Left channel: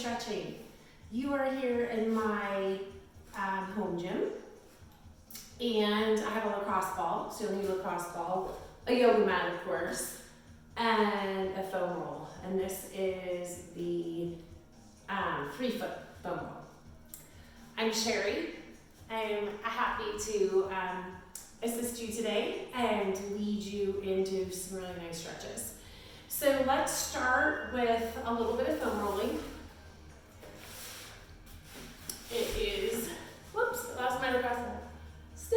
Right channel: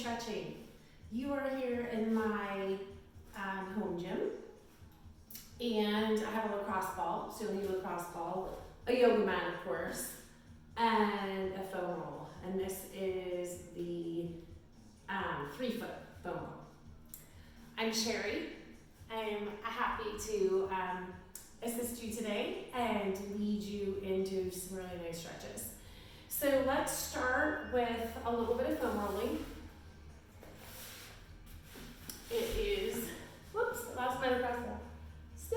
stretching. You are here in my home gym, and I have a lacrosse ball, so you'll need a lacrosse ball, a yoga mat of course, and a foam roll. And this is the 3-foot foam roll. I'm Shari. I'm happy to assist you today and lead you into some really nice stretches. So let's start with a little bit of foam rolling. It is, whoops, I lost my lacrosse ball. Stay.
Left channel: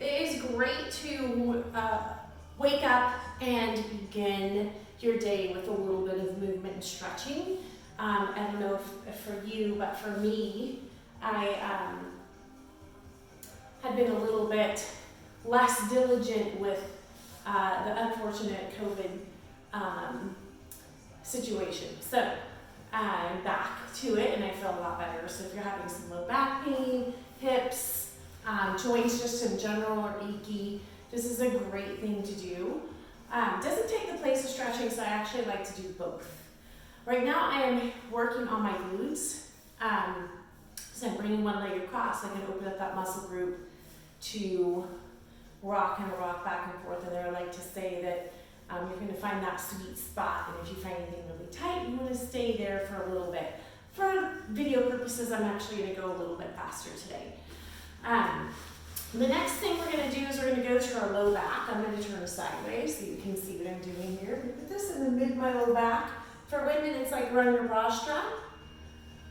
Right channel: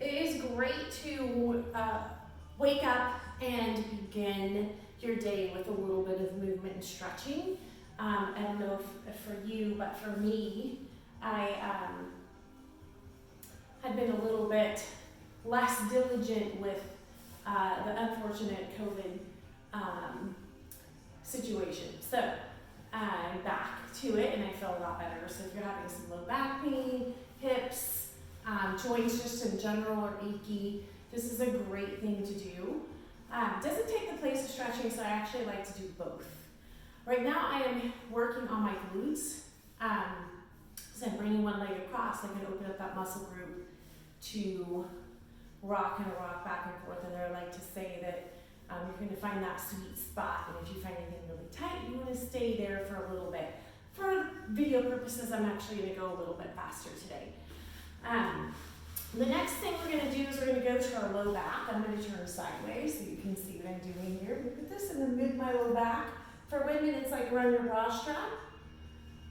It is great to wake up and begin your day with a little bit of movement and stretching. I don't know if for you, but for me, I had been a little bit less diligent with the unfortunate COVID situation. So I'm back to it and I feel a lot better. So if you're having some low back pain, hips, joints just in general are achy, this is a great thing to do. Doesn't take the place of stretching, so I actually like to do both. Right now I am working on my glutes. So I'm bringing one leg across. I can open up that muscle group to rock back and forth. And there I like to say that you're going to find that sweet spot. And if you find anything really tight, you want to stay there for a little bit. For video purposes, I'm actually going to go a little bit faster today. The next thing we're going to do is we're going to go to our low back. I'm going to turn sideways so you can see what I'm doing here. Put this in the mid of my low back. For women, it's like run your bra strap.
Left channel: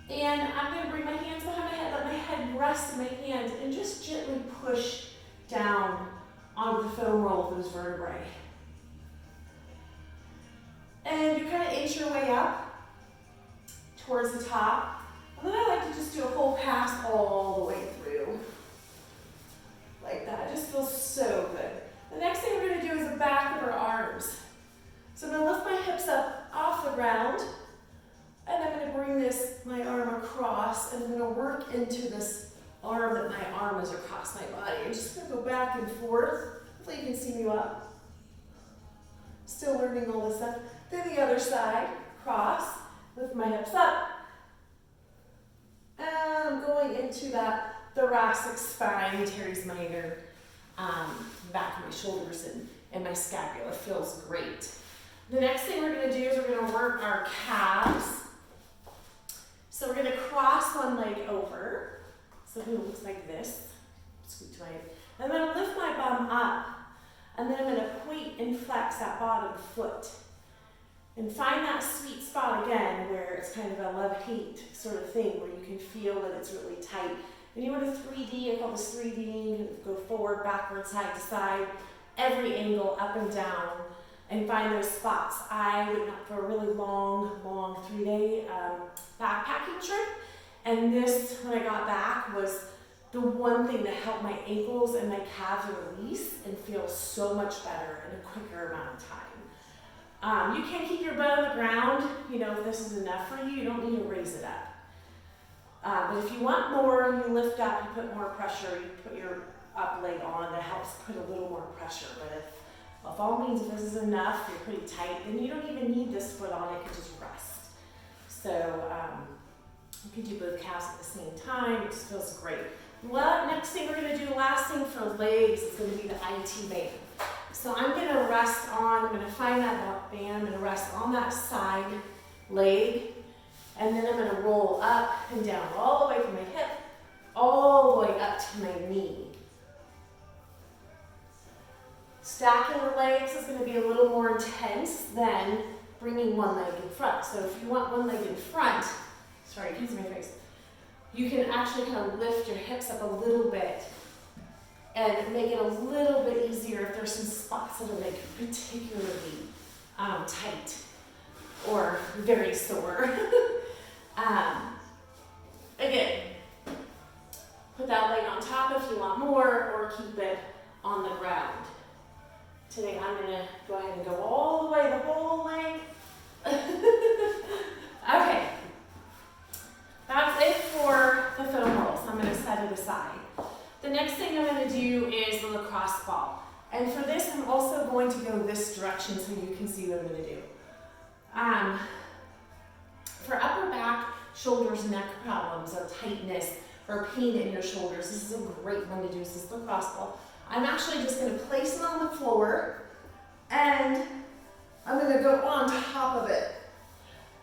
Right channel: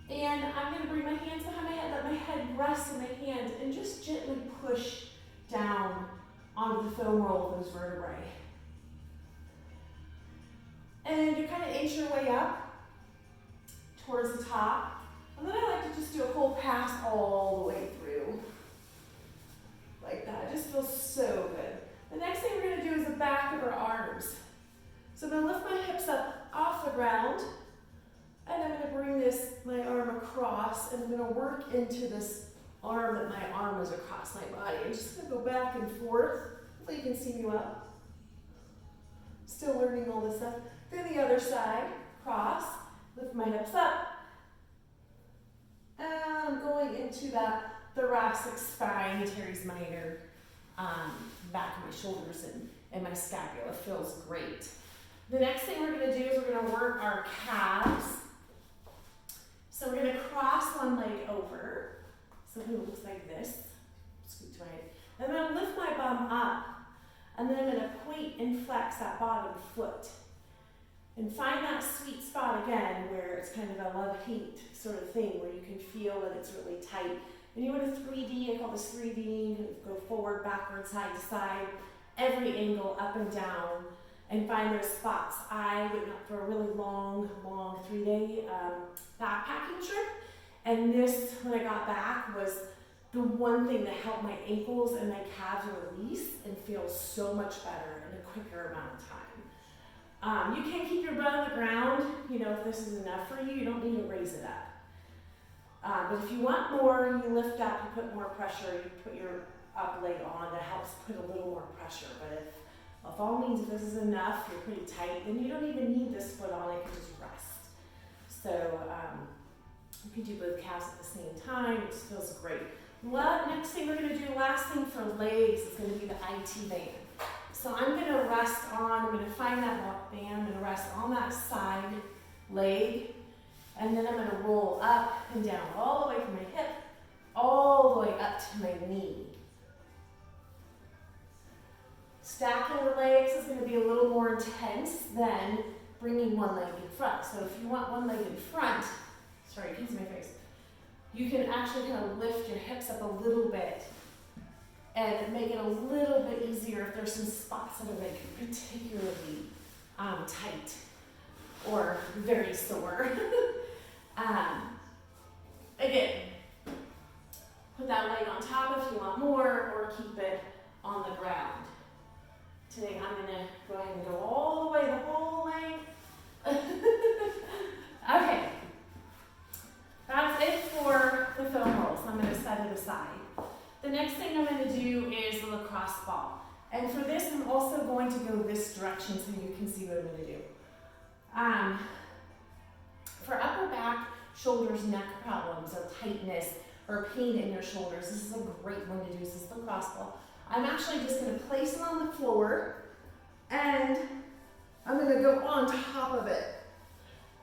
And I'm going to bring my hands behind my head, let my head rest in my hands, and just gently push down onto the foam roll of those vertebrae. And you kind of inch your way up towards the top. And then I like to just do a whole pass all the way through. Like that. It just feels so good. The next thing we're going to do is the back of our arms. So I'm going to lift my hips up off the ground, and I'm going to bring my arm across, and I'm going to work into this arm that my arm is across my body. I'm just going to go back and forth. Hopefully you can see me well. Still learning all this stuff. Then the other side, cross, lift my hips up, and I'm going into that thoracic spine, teres minor, back of my shoulders and my scapula. Feels great. The next thing we're going to do is we're going to work our calves. So we're going to cross one leg over. So it looks like this. Scoot to my head. And then I'm going to lift my bum up. And then I'm going to point and flex that bottom foot. And find that sweet spot again where it's kind of a love-hate sort of thing where you can feel that it's really tight. And you want to 3D, I call this 3D, you can go forward, backward, side to side, every angle, up and down, and find those spots. I went out for a really long 3-day backpacking trip, and this, when I got back, was the one thing that helped my ankles and my calves release and feel so much better in a quicker amount of time. You can keep your butt on the ground, if this is enough for you, you don't need to raise it up. But if you want more, you lift up, you put more pressure, you put your up leg on, that helps put a little more pressure. But if all means, if this is enough, you're pretty tight, then you don't even need this foot on, it can just rest. So you can do both calves at the same time, it just feels great. Well, next thing we're going to do, last thing for legs, is going to be the IT band. So I'm going to I'm going to find that band, I'm going to rest on that side leg, and then I'm going to roll up and down, all the way from my hip, all the way up to my knee. Stacking the legs is going to be a little more intense than bringing one leg in front. So if you want one leg in front, sorry, I can't see my face, you can actually kind of lift your hips up a little bit and make it a little bit easier if there's some spots that are like particularly tight or very sore. Again, put that leg on top if you want more, or keep it on the ground. Today I'm going to go ahead and go all the way, the whole length. Okay, that's it for the foam roll, so I'm going to set it aside. The next thing I'm going to do is the lacrosse ball. And for this, I'm also going to go this direction so you can see what I'm going to do. For upper back, shoulders, neck problems, or tightness, or pain in your shoulders, this is a great one to do. This is the lacrosse ball. I'm actually just going to place it on the floor, and I'm going to go on top of it.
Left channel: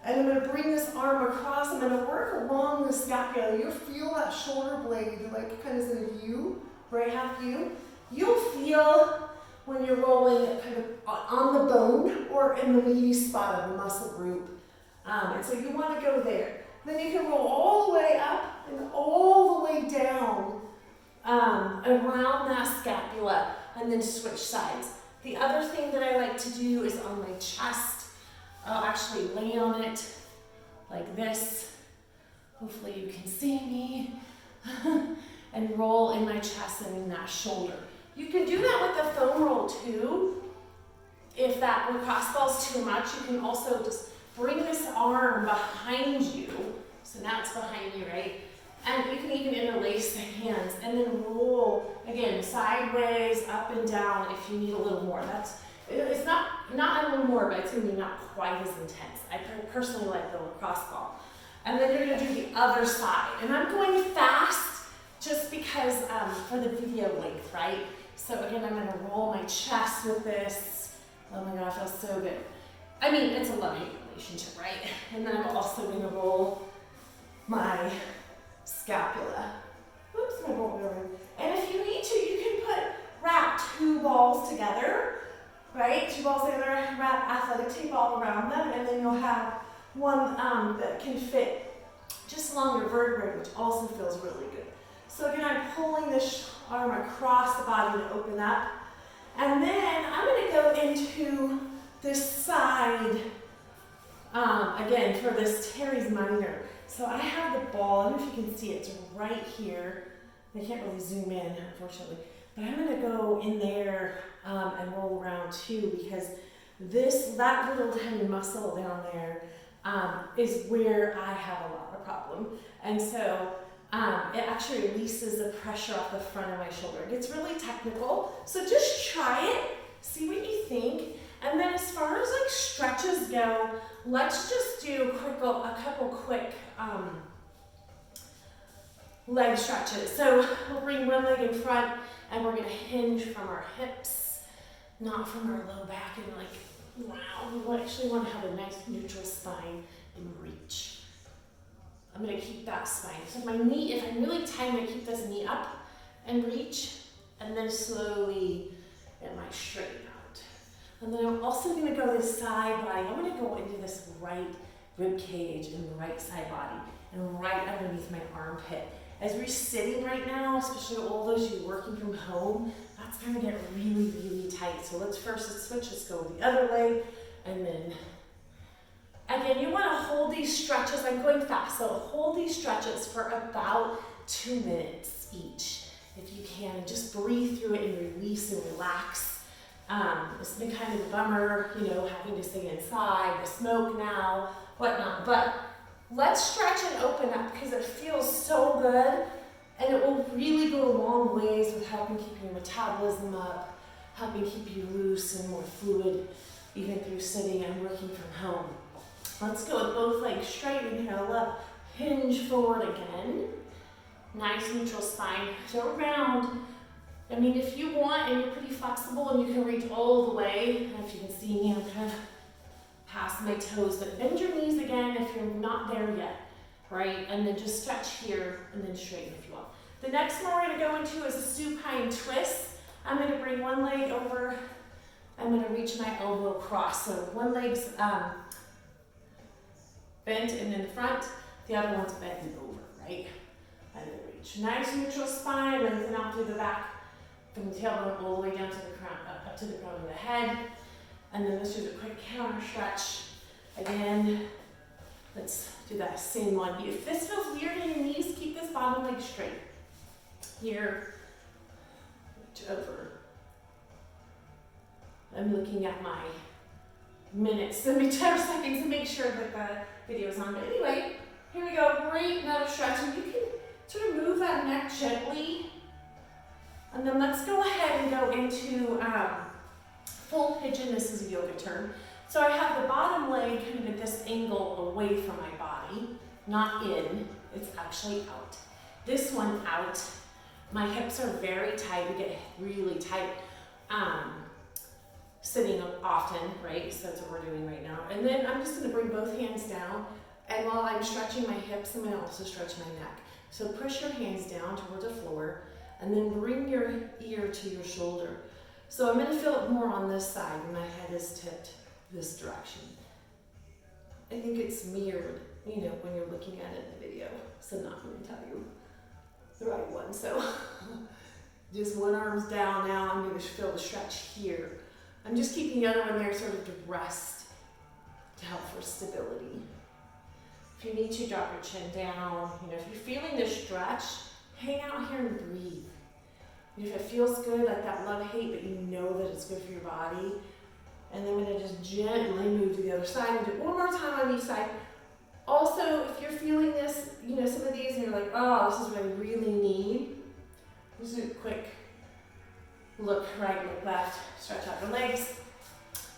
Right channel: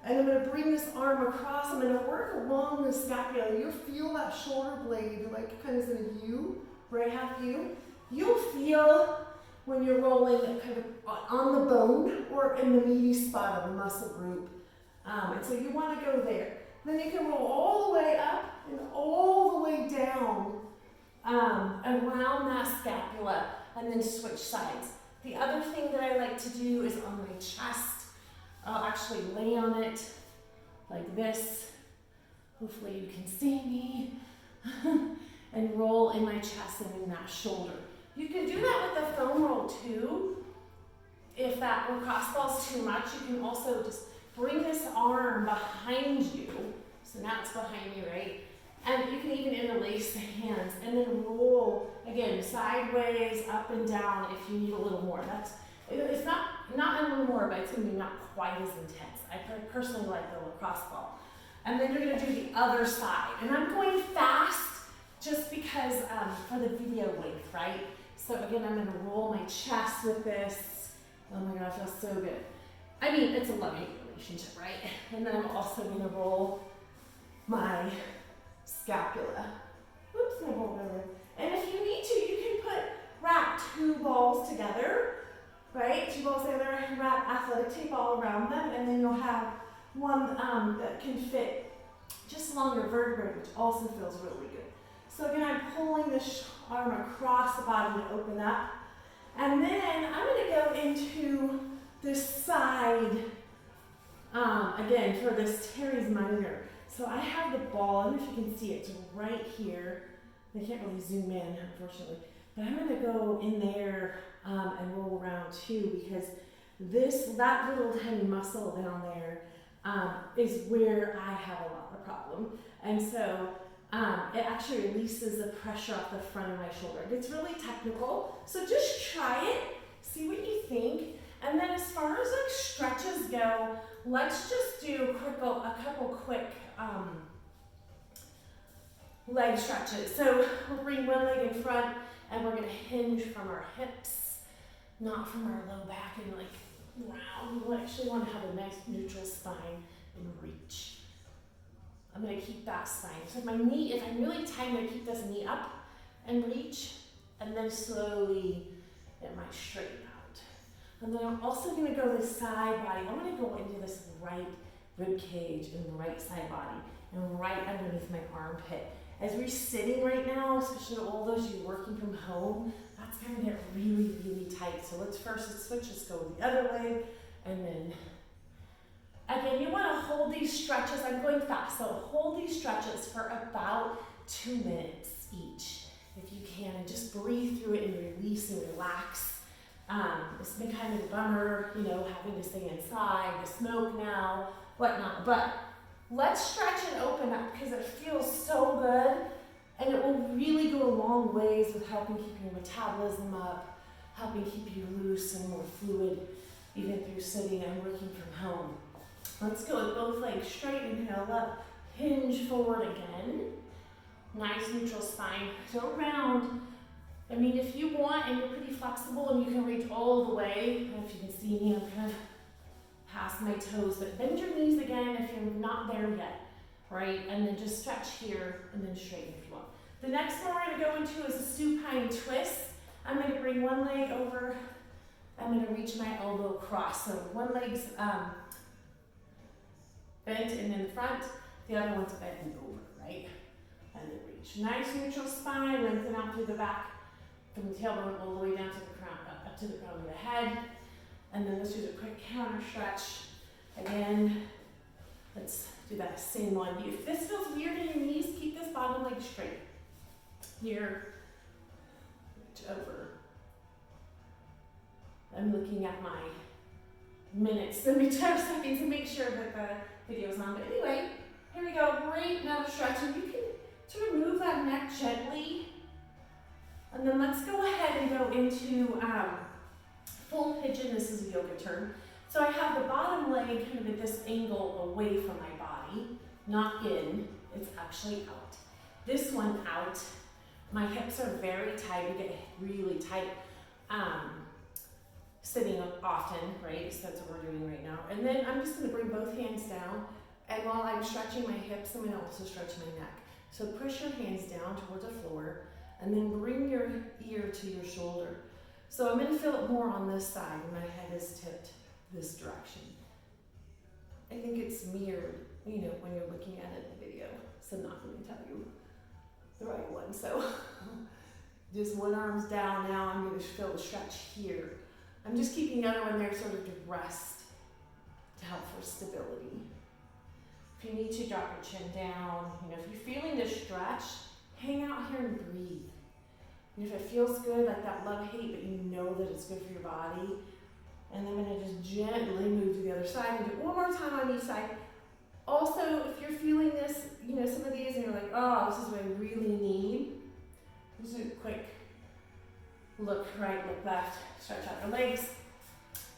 And I'm going to bring this arm across. I'm going to work along the scapula. You'll feel that shoulder blade, like kind of in a U, right half U. You'll feel when you're rolling kind of on the bone or in the meaty spot of the muscle group. And so you want to go there. Then you can roll all the way up and all the way down around that scapula, and then switch sides. The other thing that I like to do is on my chest. I'll actually lay on it like this. Hopefully you can see me. And roll in my chest and in that shoulder. You can do that with the foam roll too. If that lacrosse ball's too much, you can also just bring this arm behind you. So now it's behind you, right? And you can even interlace the hands and then roll, again, sideways, up and down if you need a little more. It's not a little more, but it's going to be not quite as intense. I personally like the lacrosse ball. And then you're going to do the other side. And I'm going fast just because for the video length, right? So again, I'm going to roll my chest with this. Oh my God, it feels so good. I mean, it's a love-hate relationship, right? And then I'm also going to roll my scapula. Oops, my roll over. And if you need to, you can wrap two balls together, right? Two balls together, wrap athletic tape all around them, and then you'll have one that can fit just along your vertebrae, which also feels really good. So again, I'm pulling this arm across the body to open up. And then I'm going to go into this side, again, for this teres minor. So I have the ball, I don't know if you can see it, it's right here. I can't really zoom in, unfortunately. But I'm going to go in there and roll around too, because that little tiny muscle down there is where I have a lot of problem. And so it actually releases the pressure off the front of my shoulder. It gets really technical, so just try it, see what you think. And then as far as like stretches go, let's just do a couple quick leg stretches. So we'll bring one leg in front and we're gonna hinge from our hips, not from our low back, and like, wow, we actually wanna have a nice neutral spine and reach. I'm gonna keep that spine. So my knee, if I'm really tight, I'm gonna keep this knee up and reach, and then slowly it might straighten out. And then I'm also gonna go this side body. I'm gonna go into this right rib cage and the right side body and right underneath my armpit. As we're sitting right now, especially all those of you working from home, that's gonna get really, really tight. So let's switch, let's go with the other leg, and then again, you wanna hold these stretches. I'm going fast, so hold these stretches for about 2 minutes each, if you can, and just breathe through it and release and relax. It's been kind of a bummer, having to stay inside, the smoke now, whatnot, but let's stretch and open up because it feels so good, and it will really go a long ways with helping keep your metabolism up, helping keep you loose and more fluid, even through sitting and working from home. Let's go with both legs straight, inhale up, hinge forward again. Nice neutral spine, so round. I mean, if you want and you're pretty flexible and you can reach all the way, and if you can see me, I'm kind of past my toes, but bend your knees again if you're not there yet, right? And then just stretch here and then straighten if you want. The next one we're gonna go into is a supine twist. I'm gonna bring one leg over, I'm gonna reach my elbow across. So one leg's bent and in the front, the other one's bent and over, right? And then reach. Nice neutral spine, lengthen out through the back, from the tailbone all the way down to the crown, up to the crown of the head. And then let's do the quick counter stretch. Again, let's do that same one. If this feels weird in your knees, keep this bottom leg straight. Here, reach over. I'm looking at my minutes, 10 seconds to make sure that the video's on. But anyway, here we go, great another stretch. And you can sort of move that neck gently And then let's go ahead and go into full pigeon. This is a yoga turn. So I have the bottom leg kind of at this angle away from my body, not in, it's actually out. This one out. My hips are very tight, we get really tight sitting up often, right? So that's what we're doing right now. And then I'm just gonna bring both hands down, and while I'm stretching my hips, I'm gonna also stretch my neck. So push your hands down towards the floor, and then bring your ear to your shoulder. So I'm gonna feel it more on this side when my head is tipped this direction. I think it's mirrored, you know, when you're looking at it in the video. So I'm not gonna tell you the right one. So just one arm's down now. I'm gonna feel the stretch here. I'm just keeping the other one there sort of to rest, to help for stability. If you need to, drop your chin down. You know, if you're feeling this stretch, hang out here and breathe. You know, if it feels good, like that love-hate, but you know that it's good for your body. And then I'm gonna just gently move to the other side and do it one more time on each side. Also, if you're feeling this, you know, some of these and you're like, oh, this is what I really need, just do a quick look right, look left, stretch out your legs.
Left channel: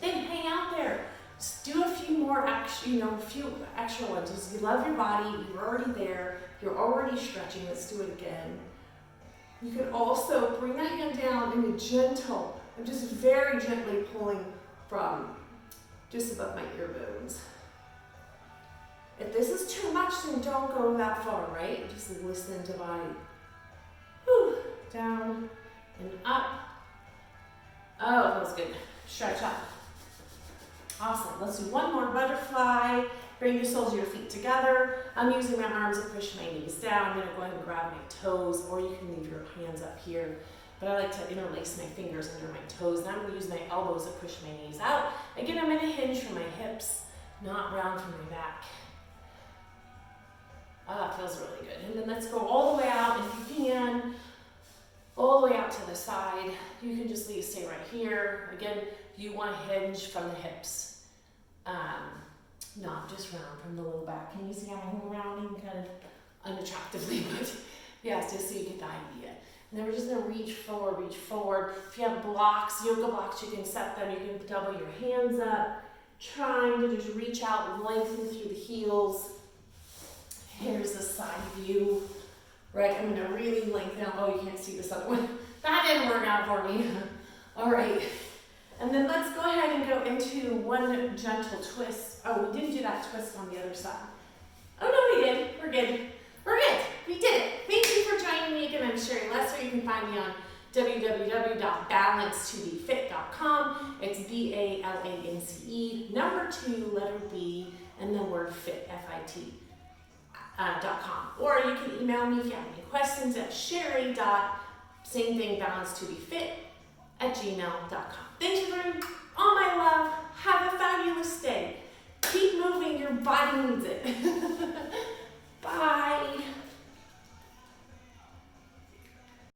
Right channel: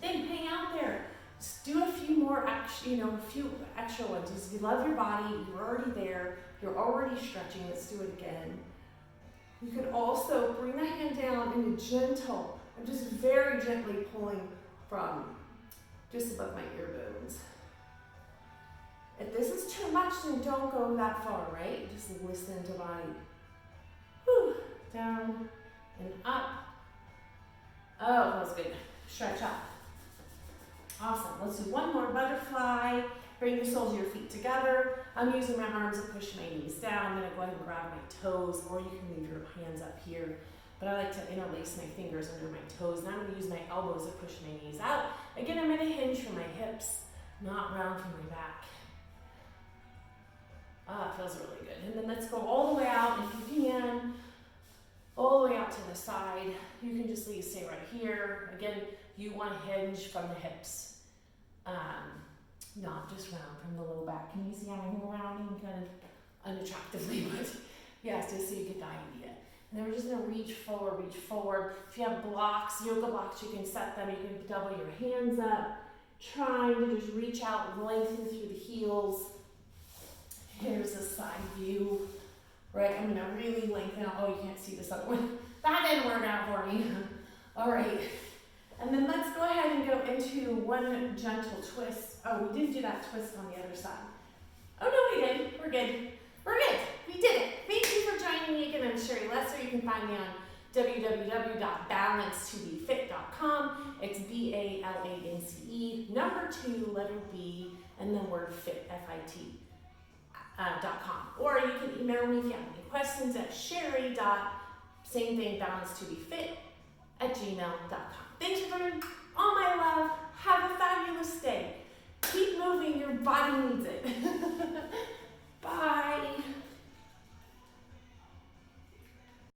Then hang out there. Just do a few more extra, you know, a few extra ones. Just, you love your body, you're already there, you're already stretching. Let's do it again. You could also bring that hand down in a gentle, I'm just very gently pulling from just above my ear bones. If this is too much, then don't go that far, right? Just listen to body. Whew. Down and up. Oh, it feels good. Stretch up. Awesome. Let's do one more butterfly. Bring the soles of your feet together. I'm using my arms to push my knees down. I'm going to go ahead and grab my toes, or you can leave your hands up here. But I like to interlace my fingers under my toes. And I'm going to use my elbows to push my knees out. Again, I'm going to hinge from my hips, not round from my back. Ah, it feels really good. And then let's go all the way out if you can. All the way out to the side. You can just stay right here. Again, you want to hinge from the hips. Not just round from the low back. Can you see how I'm rounding kind of unattractively? But yes, just so you get the idea. And then we're just going to reach forward, reach forward. If you have blocks, yoga blocks, you can set them. You can double your hands up. Trying to just reach out, lengthen through the heels. Here's the side view. Right, I'm going to really lengthen out. Oh, you can't see this other one. That didn't work out for me. All right. And then let's go ahead and go into one gentle twist. Oh, we didn't do that twist on the other side. Oh, no, we did. We're good. We're good. We did it. Thank you for joining me again. I'm Shari Lesser. You can find me on www.balancetobefit.com. It's BALANCE, number 2, letter B, and the word fit, F-I-T. .com. Or you can email me if you have any questions at shari.samethingbalancetobefit@gmail.com. Thank you for all my love. Have a fabulous day. Keep moving. Your body needs it. Bye.